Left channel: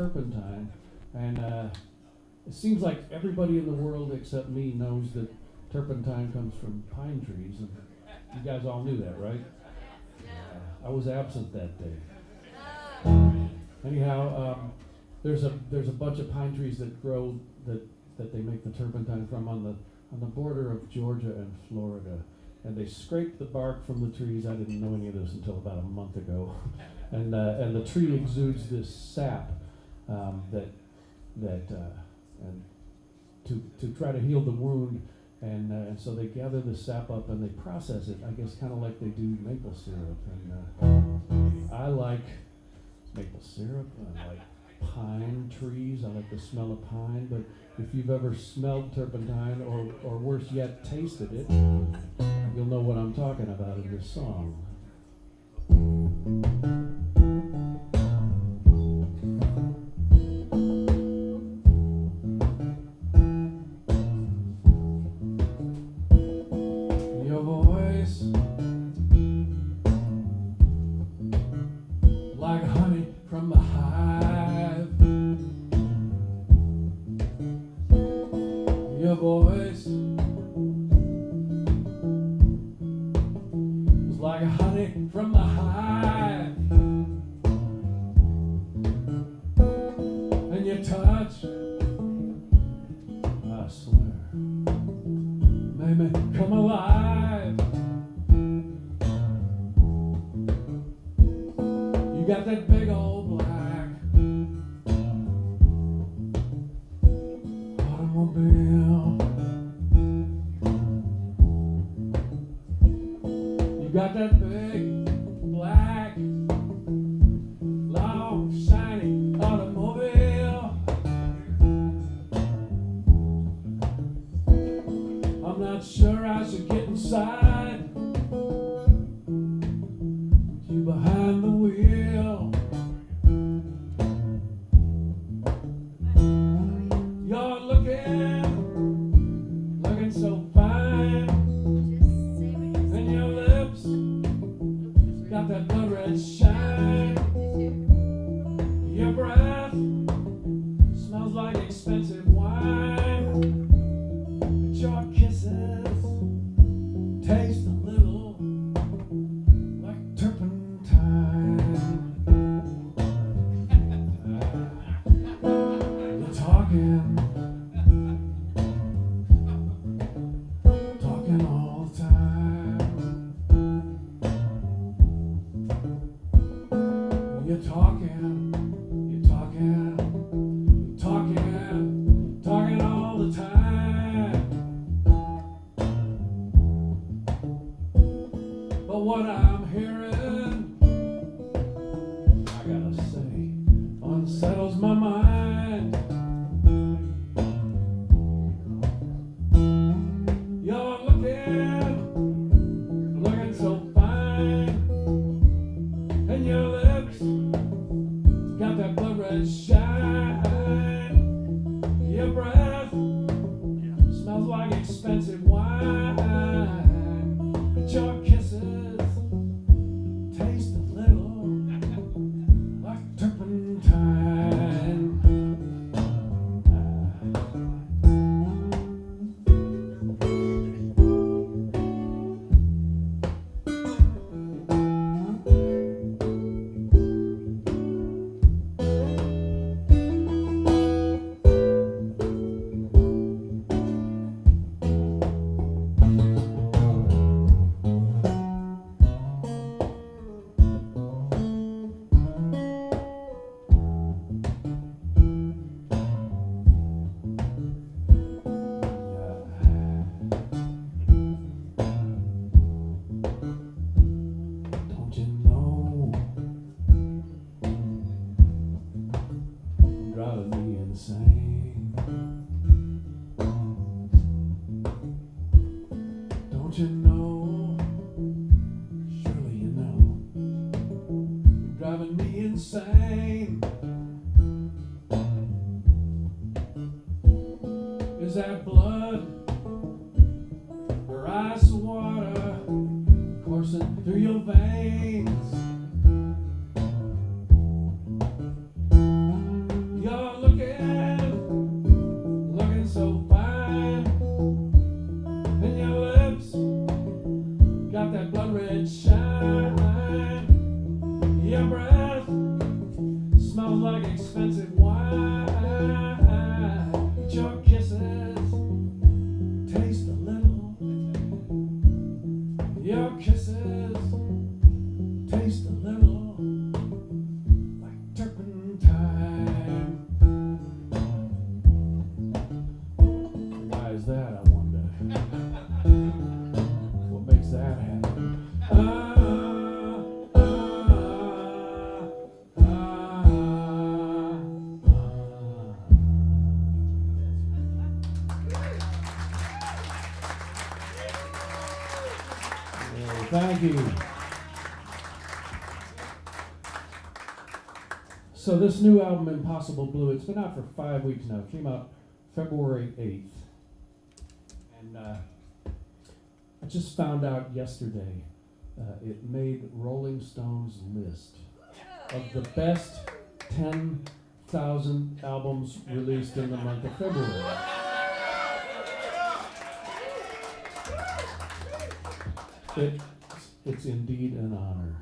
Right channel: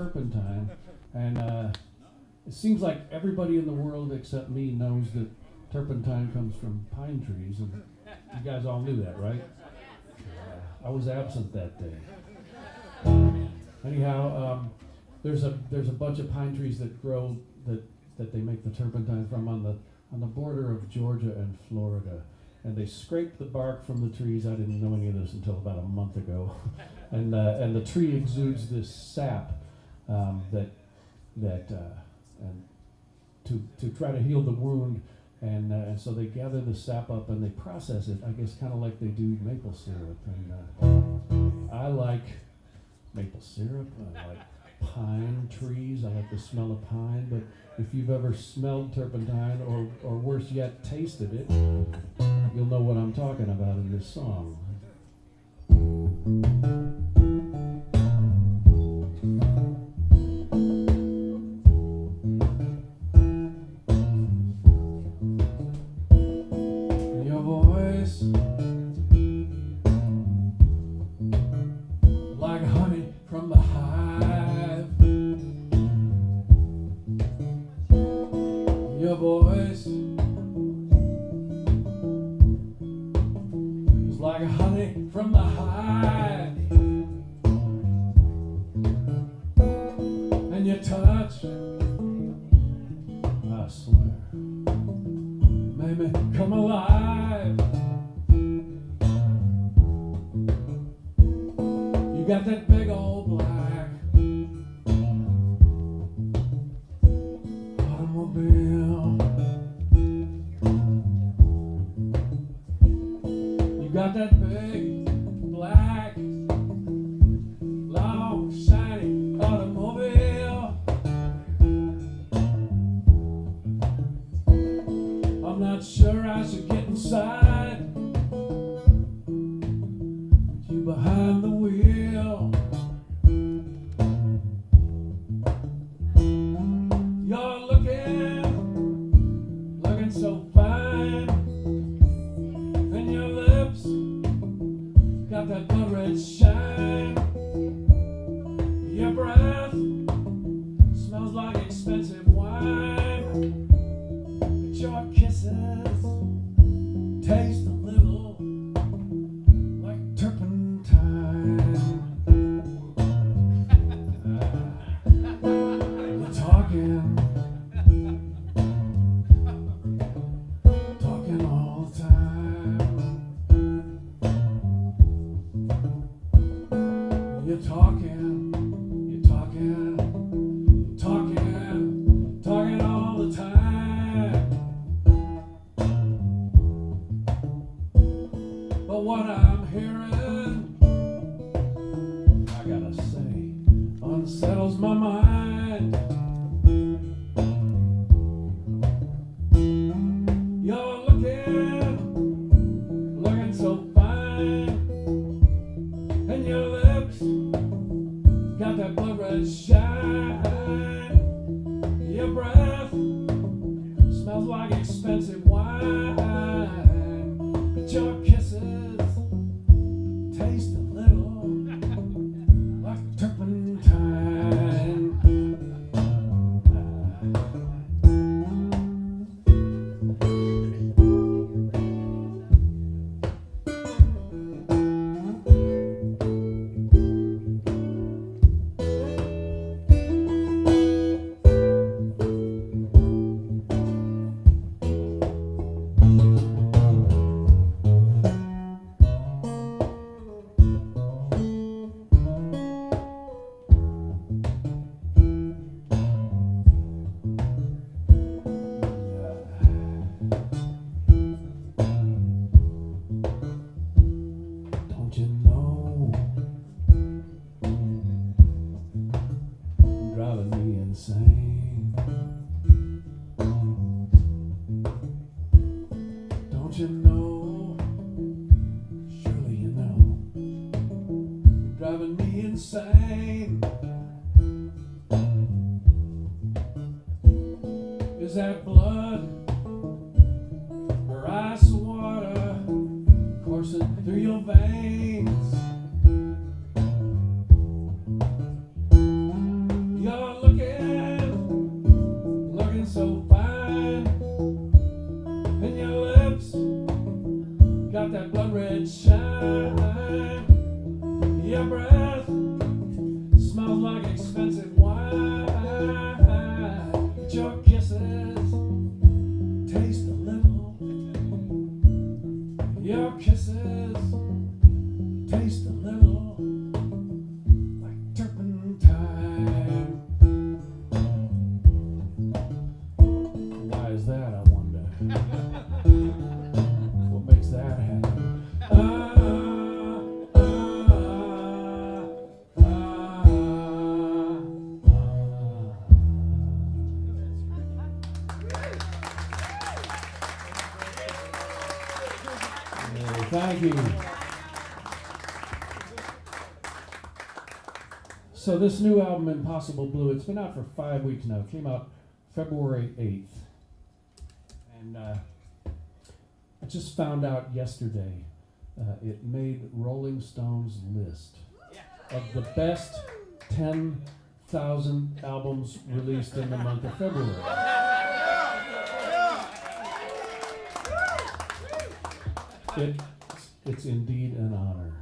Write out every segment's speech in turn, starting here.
turpentine, and it seems like everybody in the world except me knows that turpentine comes from pine trees, and you guys all knew that, right? I was absent that day. Anyhow, there's a bunch of pine trees that grow that they make the turpentine from on the border of Georgia and Florida, and they scrape the bark from the trees. I didn't know any of this until about a month ago, and the tree exudes this sap and to try to heal the wound, and so they gather the sap up and they process it, I guess, kind of like they do maple syrup. And I like maple syrup. I like pine trees. I like the smell of pine. But if you've ever smelled turpentine, or worse yet, tasted it, you'll know what I'm talking about in this song. Your voice, like honey from the hive. Your voice is like honey from the hive, and your touch, I swear, made me come alive. You got that big old black automobile. You got that big black, long, shiny automobile. I'm not sure I should get inside you behind the wheel. You're looking so fine, and your lips got that blood red shine. Your breath smells like expensive wine, but your kisses taste a little like turpentine. You're talking all the time. You're talking all the time. But what I'm hearing, I gotta say, unsettles my mind. You're looking so fine, and your lips got that blood red shine. Your breath smells like expensive wine, but your kisses taste a little like turpentine. Don't you know, driving me insane? Don't you know, surely you know, you're driving me insane. Is that blood or ice water coursing through your veins? You're looking so fine, and your lips got that blood red shine. Your breath smells like expensive wine. But your kisses taste a little. Your kisses taste a little like turpentine. Why is that, I wonder? What makes that happen? Thank you. So this new album, Impossible Blue, it's been out for 5 weeks now. It came out February 8th. And I just found out yesterday it made Rolling Stone's list of the best 10,000 albums released in the month of February. It's indeed an honor.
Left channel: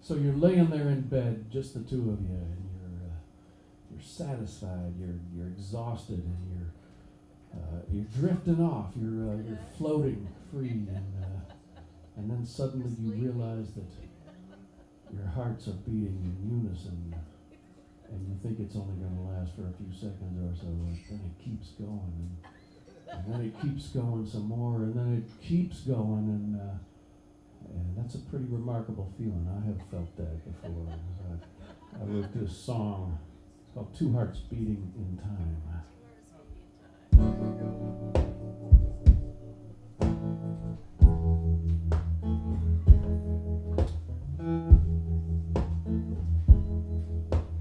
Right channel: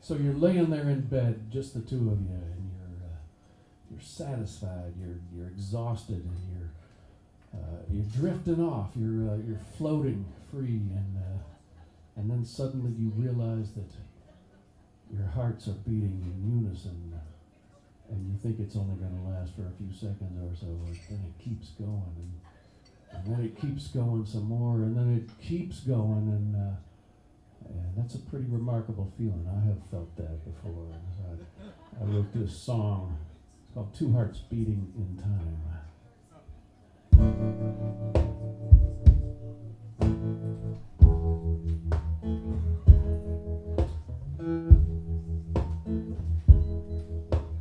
So you're laying there in bed, just the two of you, and you're satisfied, you're exhausted, and you're drifting off, you're floating free, and then suddenly you realize that your hearts are beating in unison. And you think it's only going to last for a few seconds or so, but then it keeps going, and then it keeps going some more, and then it keeps going, and that's a pretty remarkable feeling. I have felt that before. I wrote this song. It's called Two Hearts Beating in Time.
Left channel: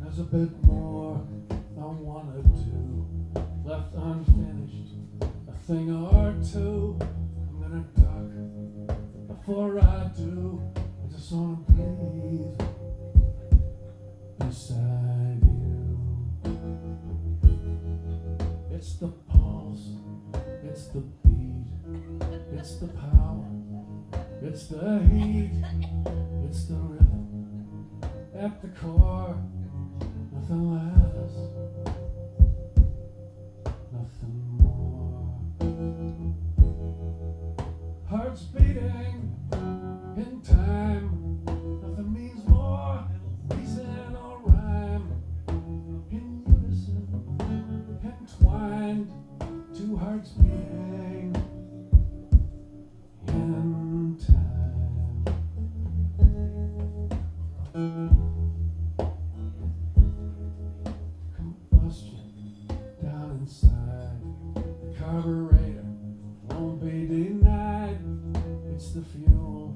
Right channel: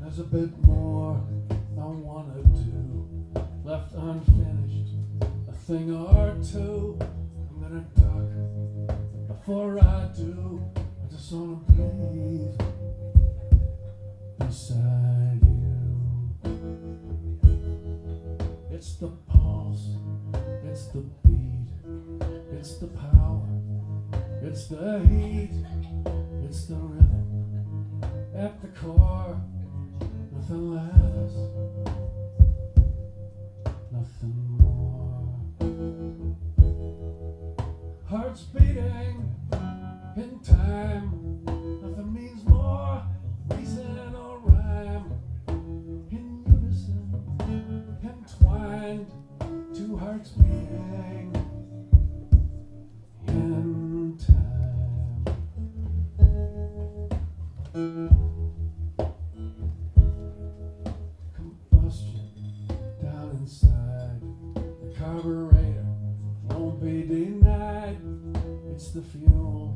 There's a bit more I want to do, left unfinished, a thing or two. I'm gonna duck, but before I do, I just wanna breathe beside you. It's the pulse, it's the beat, it's the power, it's the heat, it's the rhythm at the core. Nothing less, nothing more. Hearts beating in time, nothing means more reason or rhyme. In unison, entwined, two hearts beating in time. Down inside, the carburetor won't be denied. It's the fuel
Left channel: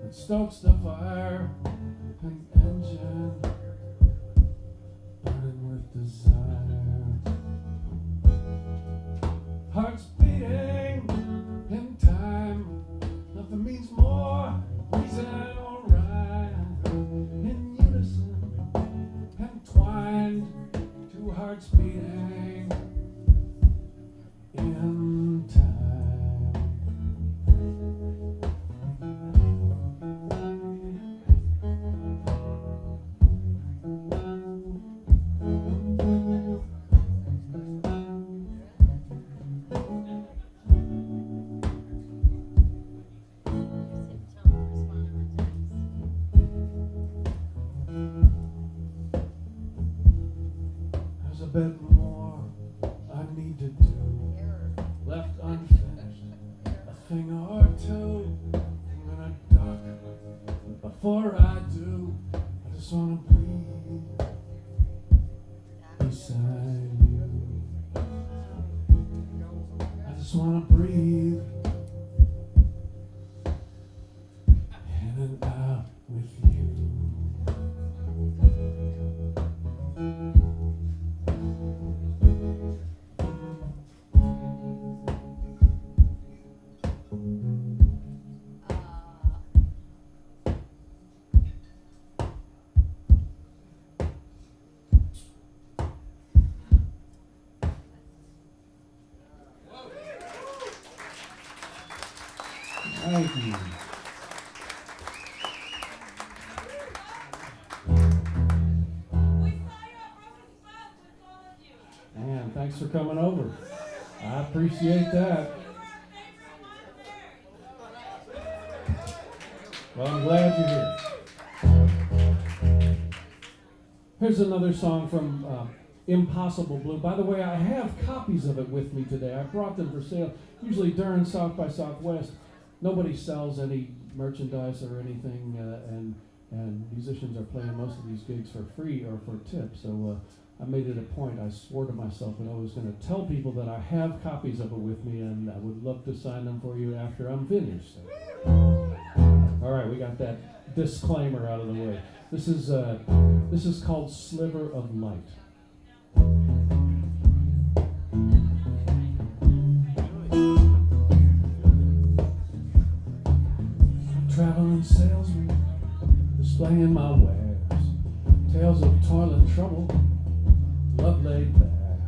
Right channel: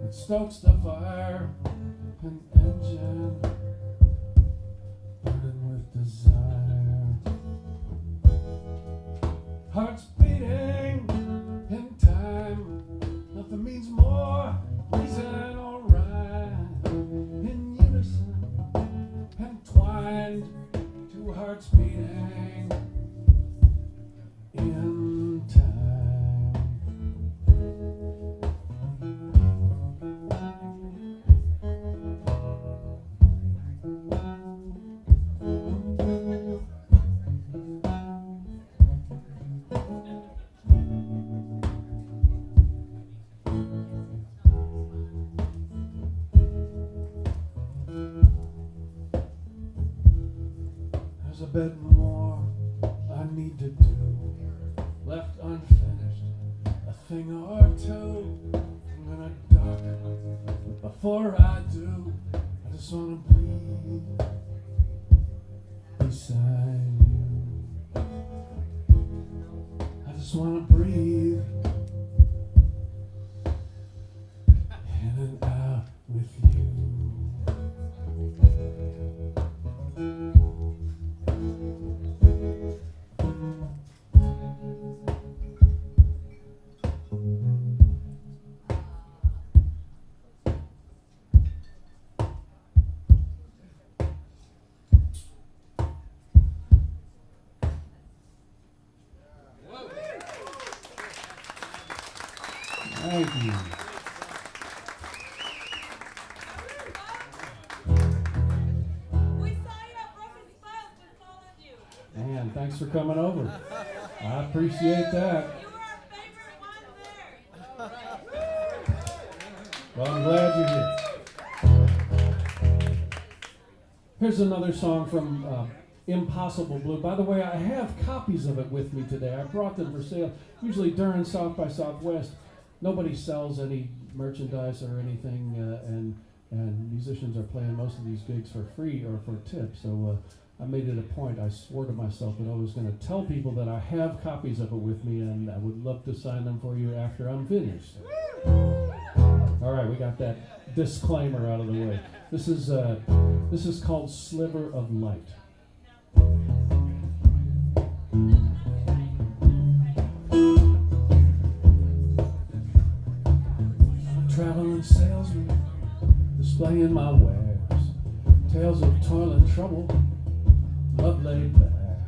that stokes the fire, an engine burning with desire. Hearts beating in time, nothing means more reason or rhyme. In unison, entwined, two hearts beating in time. There's a bit more I need to do, left unfinished, a thing or two. I'm gonna duck, but before I do, I just wanna breathe beside you. I just wanna breathe in and out with you. Thank you. Man, thanks for coming over. I appreciate that. Well, I'm glad you're here. Here's another song from Impossible Blue. By the way, I have copies of it with me today. I brought them for sale. Usually during South by Southwest, nobody sells any merchandise or anything, and musicians are playing most of these gigs for free or for tips. So I made it a point. I swore to myself that I was going to tell people that I have copies of it with me, and I would love to sign them for you after I'm finished. All right, we got that disclaimer out of the way. This is called Sliver of Light. I'm a traveling salesman, displaying my wares, tales of toil and trouble, love laid bare.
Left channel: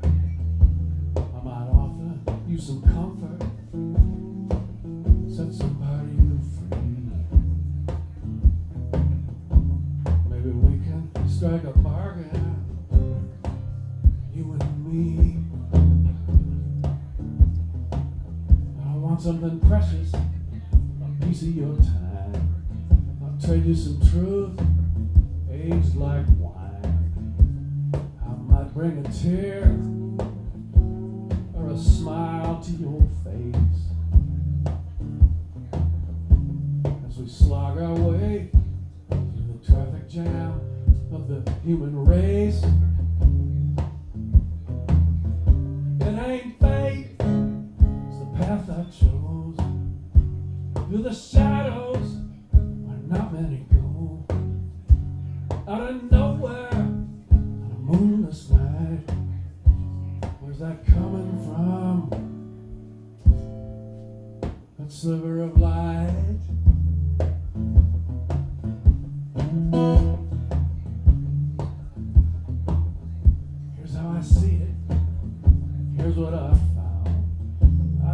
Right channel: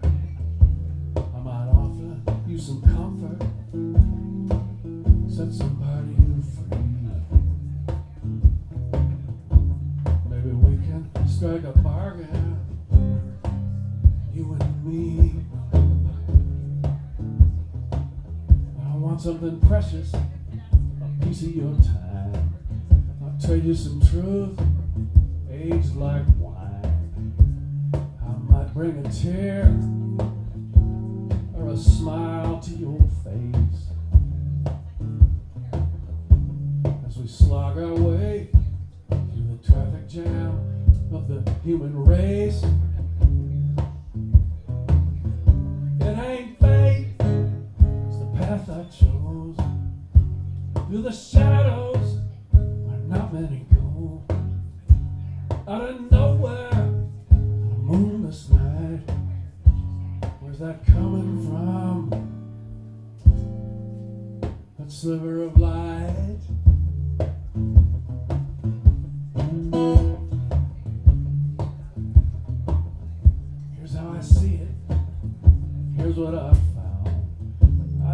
I might offer you some comfort, set somebody you free. Maybe we can strike a bargain, you and me. I want something precious, a piece of your time. I'll trade you some truth, aged like wine. I might bring a tear or a smile to your face as we slog our way through the traffic jam of the human race. It ain't fate, it's the path I chose. Through the shadows where not many go. Out of nowhere on a moonless night. Where's that coming from? That sliver of light. Here's how I see it. Here's what I found.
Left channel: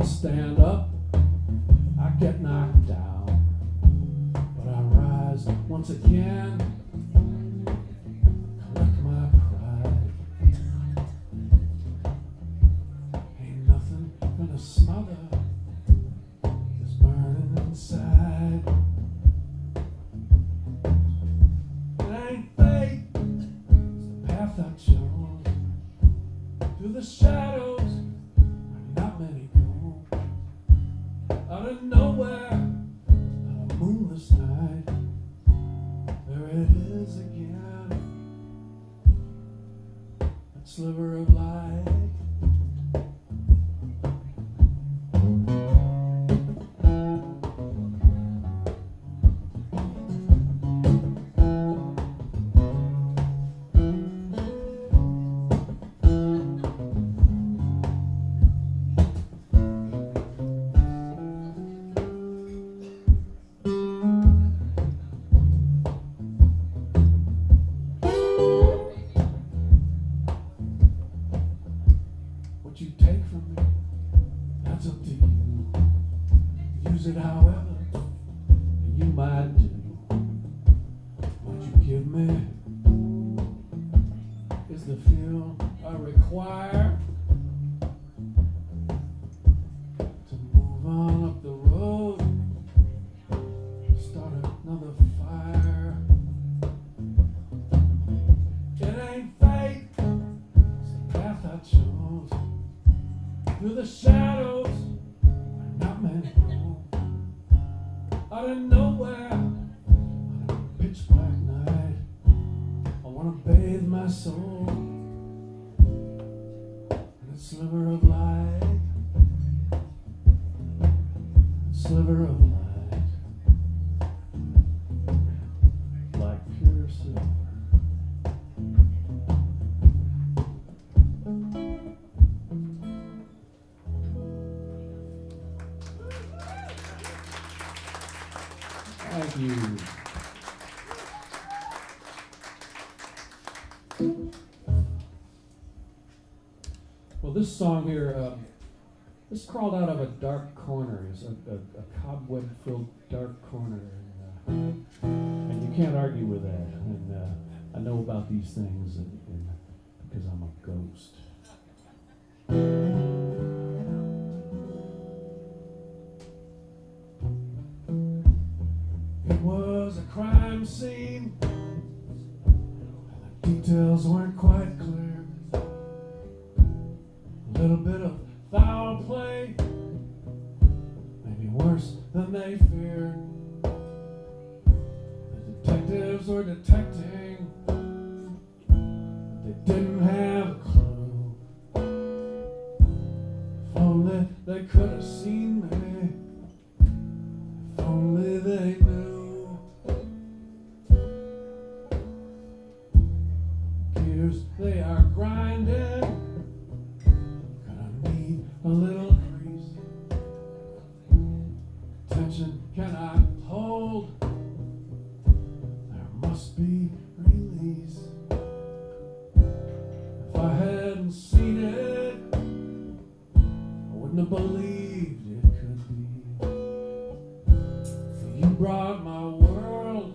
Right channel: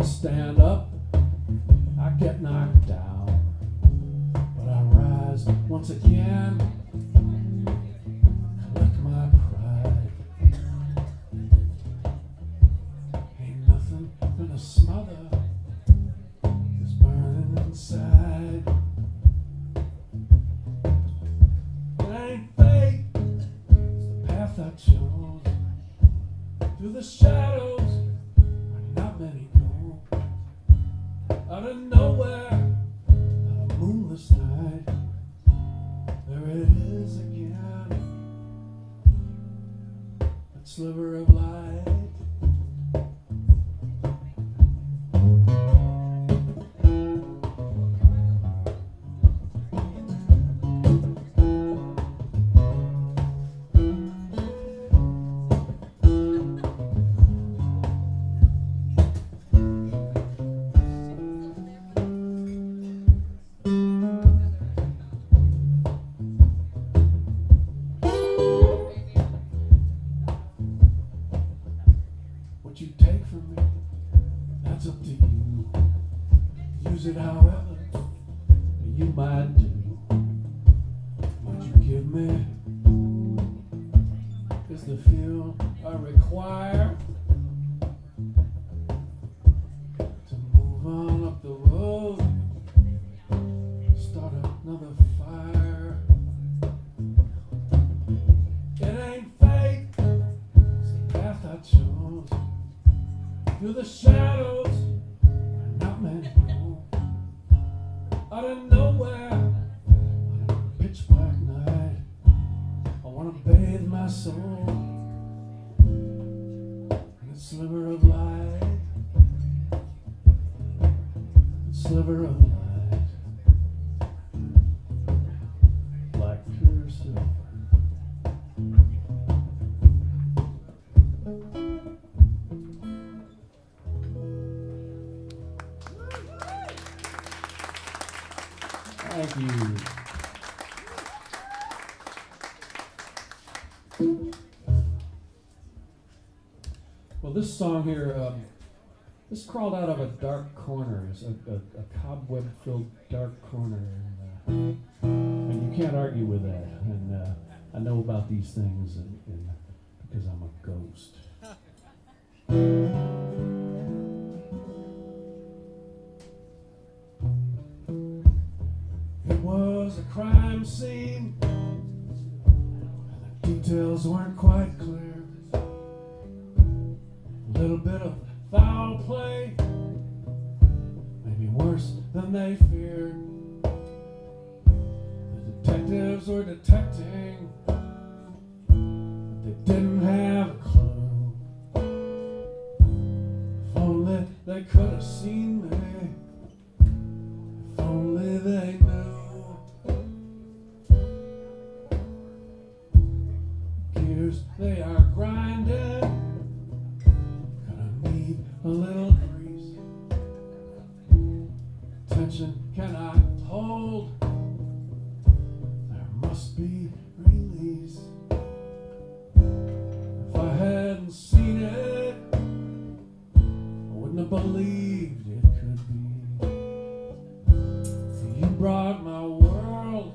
I stand up, I get knocked down, but I rise once again, collect my pride. Ain't nothing gonna smother this burning inside. It ain't fate, it's the path I chose. Through the shadows where not many go. Out of nowhere on a moonless night, there it is again, that sliver of light. What you take from me, that's up to you. Use it however you might do. What you give me is the fuel I require to move on up the road, start another fire. It ain't fate, it's the path I chose. Through the shadows where not many go. Out of nowhere on a pitch black night, I want to bathe my soul in a sliver of light, a sliver of light, like pure silver. Thank you. Well, this song here, This crawled out of a dark corner. It's a cobweb-filled dark corner, and you can't argue with that. And I know about these things, and because I'm a ghost. It was a crime scene, and the details weren't quite clear. A little bit of foul play, maybe worse than they feared. The detectives were detecting, but they didn't have a clue. If only they could have seen me, if only they knew. Gears, they are grinding, a little grease. Tension cannot hold, there must be release. If I hadn't seen it, I wouldn't have believed it could be. You brought my world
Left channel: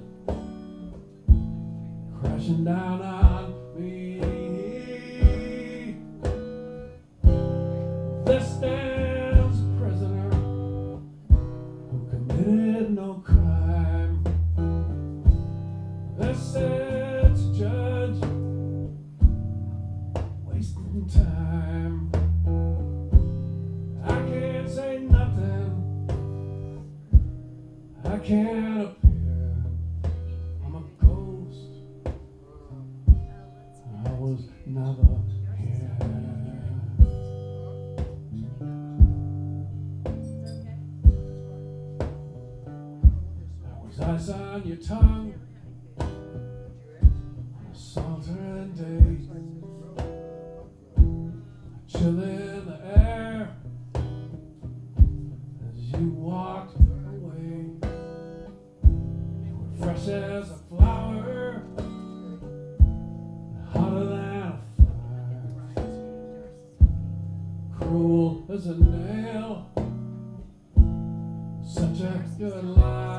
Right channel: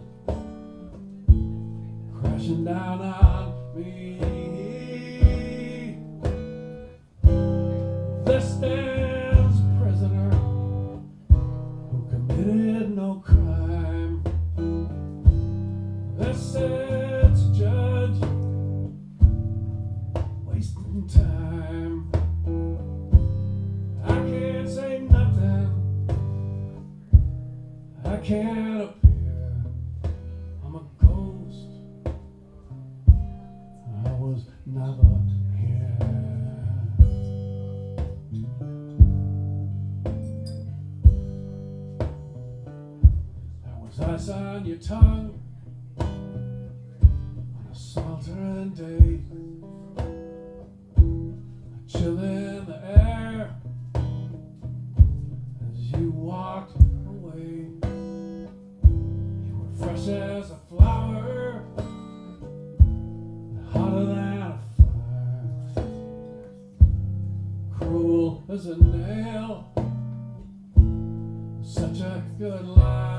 crashing down on me. There stands a prisoner who committed no crime. There sits a judge wasting time. I can't say nothing, I can't appear. I'm a ghost, I was never here. Ice on your tongue on a sweltering day, a chill in the air as you walked away. You were fresh as a flower, hotter than a fire, cruel as a nail, such a good life.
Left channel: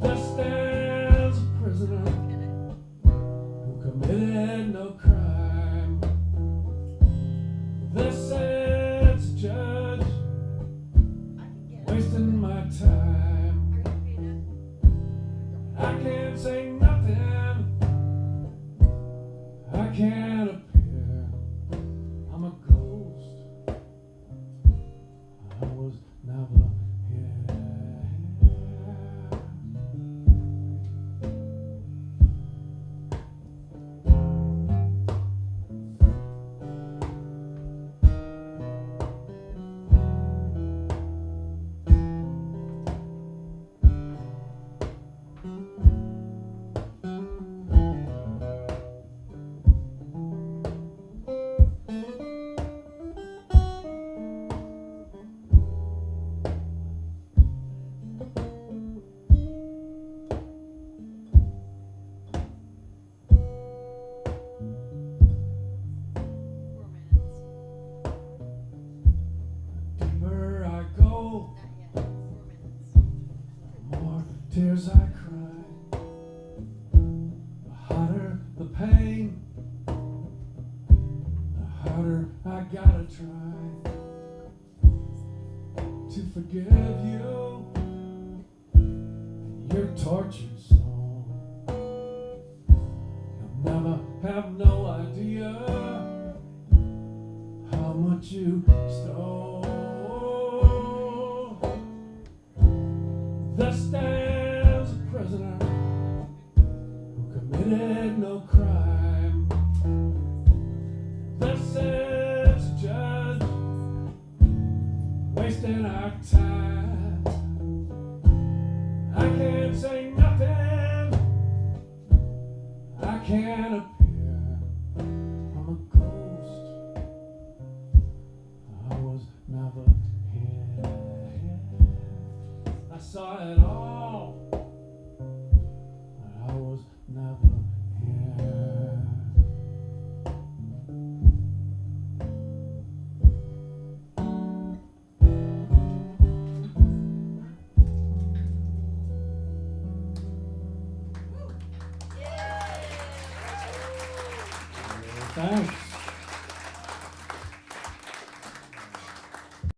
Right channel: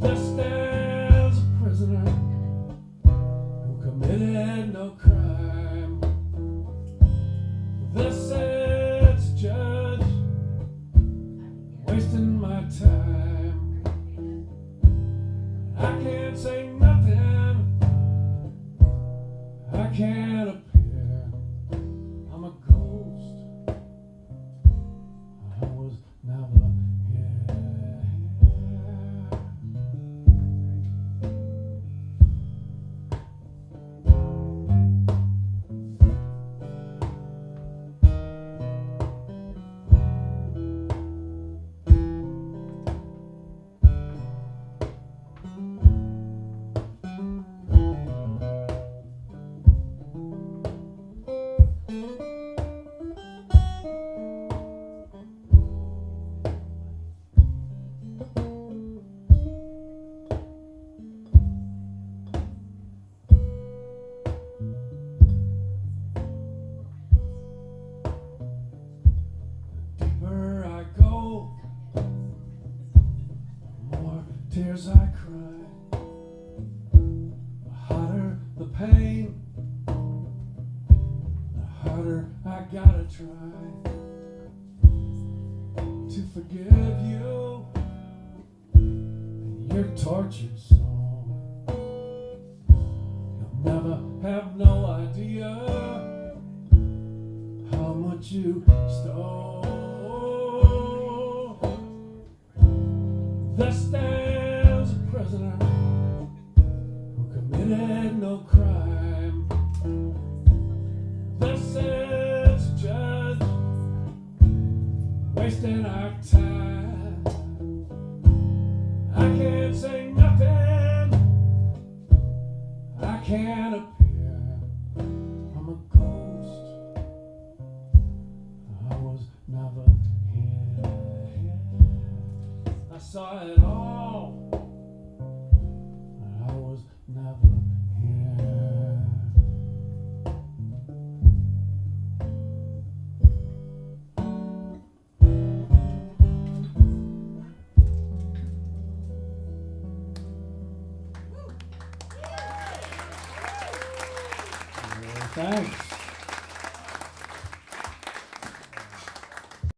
There stands a prisoner who committed no crime. There sits a judge wasting my time. I can't say nothing, I can't appear. I'm a ghost, I was never here. Tears I cry, the hotter the pain, the harder I gotta try to forgive you and your tortured soul. You'll never have no idea how much you stole. There stands a prisoner who committed no crime. There sits a judge wasting our time. I can't say nothing, I can't appear. I'm a ghost, I was never here. I saw it all, but I was never here. Thanks.